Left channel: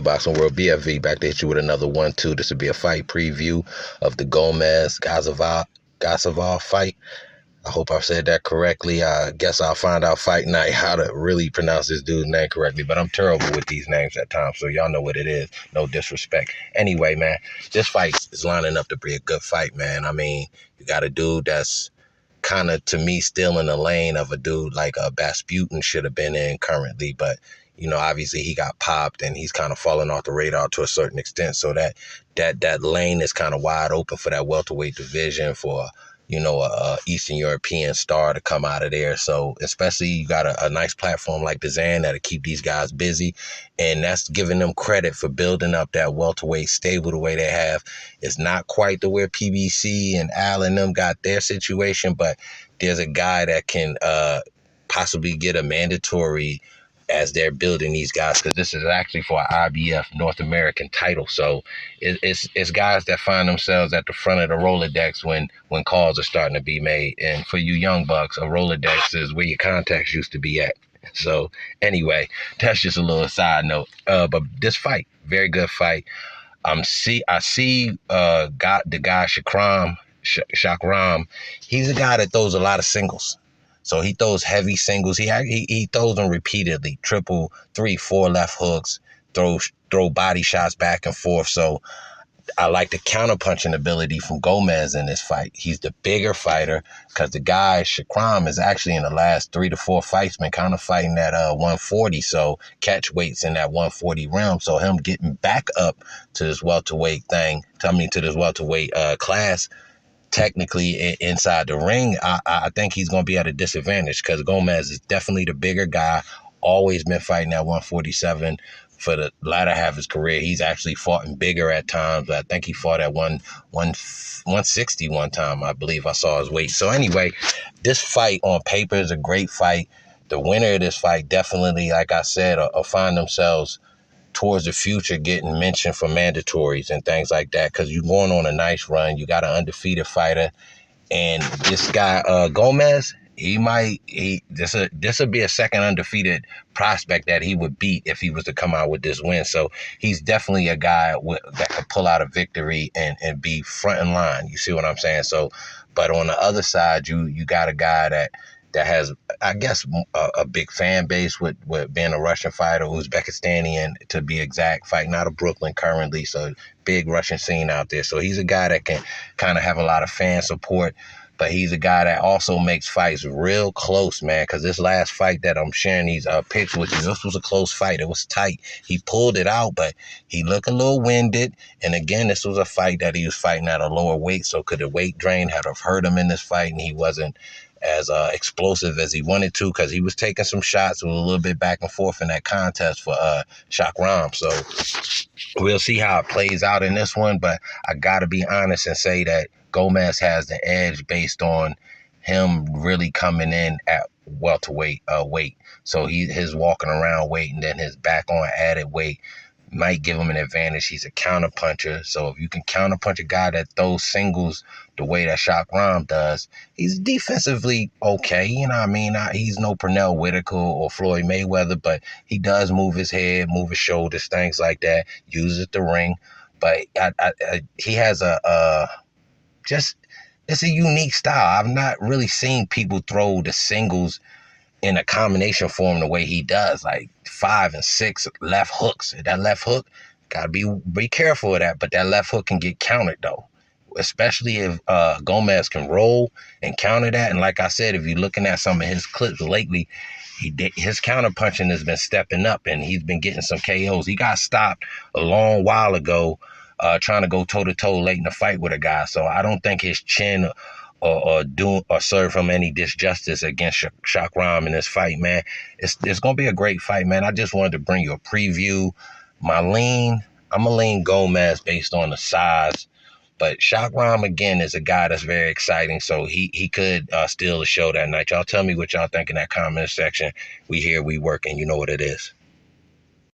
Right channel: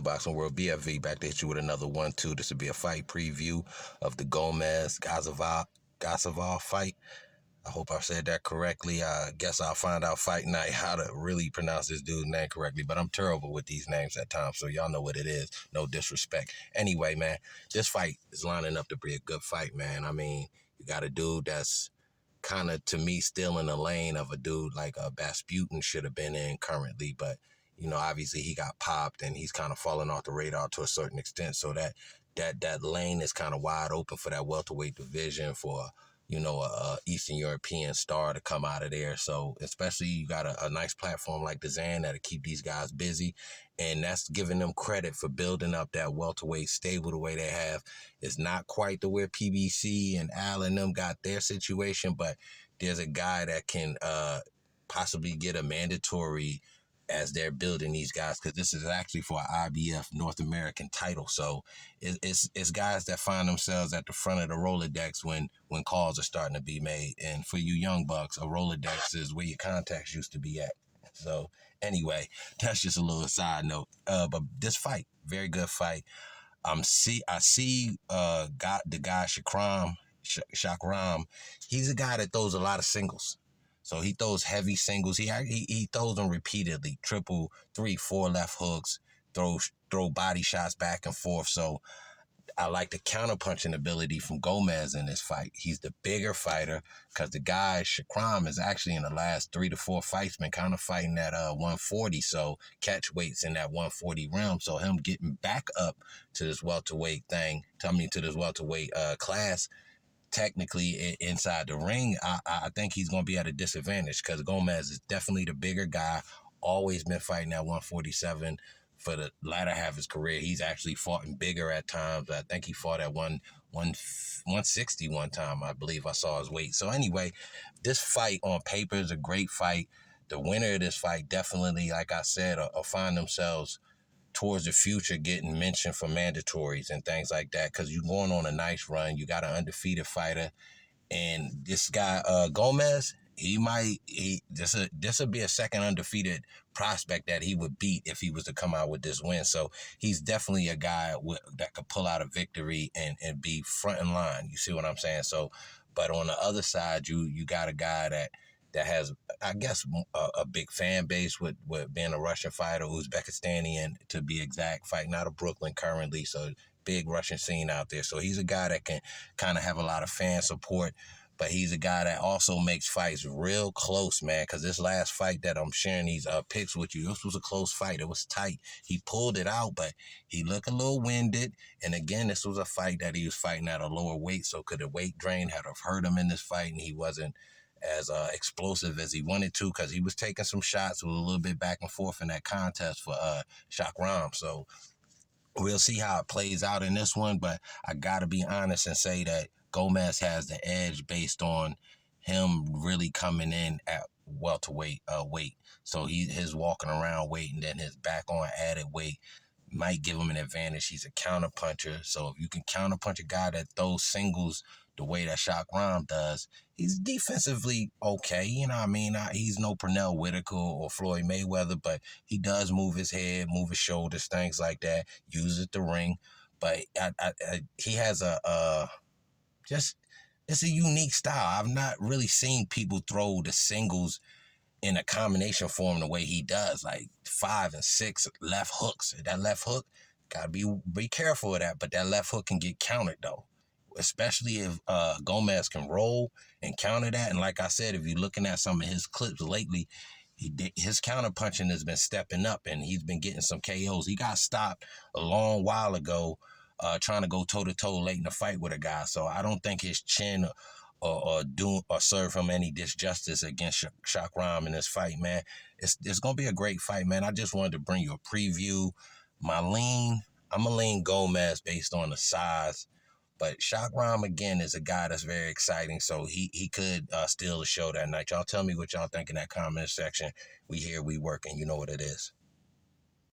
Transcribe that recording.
Good Boxing World, BFV, back to hit you with another one, too. This will be a fight preview of the Giyasov fight. I hope I said that correctly. I guess I'll find out fight night how to really pronounce this dude's name correctly, but I'm terrible with these names at times, so y'all know what it is. No disrespect. Anyway, man, this fight is lining up to be a good fight, man. I mean, you got a dude that's kind of, to me, still in the lane of a dude like Basputin should have been in currently, but obviously he got popped and he's kind of fallen off the radar to a certain extent. So that lane is kind of wide open for that welterweight division for a Eastern European star to come out of there. So especially you got a nice platform like the Zan that'll keep these guys busy, and that's giving them credit for building up that welterweight stable the way they have. It's not quite the way PBC and Al and them got their situation, but there's a guy that can possibly get a mandatory as they're building these guys, because this is actually for an IBF North American title. So it's guys that find themselves at the front of the Rolodex when calls are starting to be made. And for you young bucks, a Rolodex is where your contacts used to be at. So anyway, that's just a little side note. But this fight, very good fight. I see the guy Shakram. He's a guy that throws a lot of singles. So he throws heavy singles. He throws them repeatedly, triple, 3, 4 left hooks, throw body shots back and forth. So I like the counterpunching ability from Gomez in this fight. He's the bigger fighter, because the guy, Shakram, is actually in the last 3 to 4 fights been kind of fighting at 140. So catch weights in that 140 realm. So him getting back up to this welterweight class, technically inside the ring, I think he's going to be at a disadvantage, because Gomez is definitely the bigger guy, always been fighting at 147 for the latter half of his career. He's actually fought in bigger at times. I think he fought at 160 one time, I believe I saw his weight. So anyway, this fight on paper is a great fight. The winner of this fight definitely, like I said, will find themselves towards the future getting mentioned for mandatories and things like that, because you're going on a nice run. You got an undefeated fighter, and this guy Gomez, this will be a second undefeated prospect that he would beat if he was to come out with this win. So he's definitely a guy that could pull out a victory and be front in line. You see what I'm saying? So, but on the other side, you got a guy that has, I guess, a big fan base with being a Russian fighter, Uzbekistani to be exact, fighting out of Brooklyn currently. So big Russian scene out there. So he's a guy that can kind of have a lot of fan support, but he's a guy that also makes fights real close, man, because this last fight that I'm sharing these pictures with you, this was a close fight. It was tight. He pulled it out, but he looked a little winded. And again, this was a fight that he was fighting at a lower weight, so could the weight drain have hurt him in this fight, and he wasn't as explosive as he wanted to, because he was taking some shots. It was a little bit back and forth in that contest for Shakram. So we'll see how it plays out in this one, but I got to be honest and say that Gomez has the edge based on him really coming in at welterweight weight. So his walking around weight and then his back on added weight might give him an advantage. He's a counterpuncher. So if you can counterpunch a guy that throws singles the way that Shakram does, he's defensively okay. You know what I mean? He's no Pernell Whitaker or Floyd Mayweather, but he does move his head, move his shoulders, things like that, uses the ring. But he has it's a unique style. I've not really seen people throw the singles in a combination form the way he does, like 5 and 6 left hooks. That left hook, gotta be careful of that, but that left hook can get countered though, especially if Gomez can roll and counter that. And like I said, if you're looking at some of his clips lately, his counter punching has been stepping up, and he's been getting some KOs. He got stopped a long while ago trying to go toe-to-toe late in the fight with a guy, so I don't think his chin or serve him any disjustice against Shakram in this fight, man. It's gonna be a great fight, man. I just wanted to bring you a preview. I'm a lean Gomez based on the size, but Shakram again is a guy that's very exciting, so he could steal the show that night. Y'all tell me what y'all think in that comment section. We here, we working. You know what it is.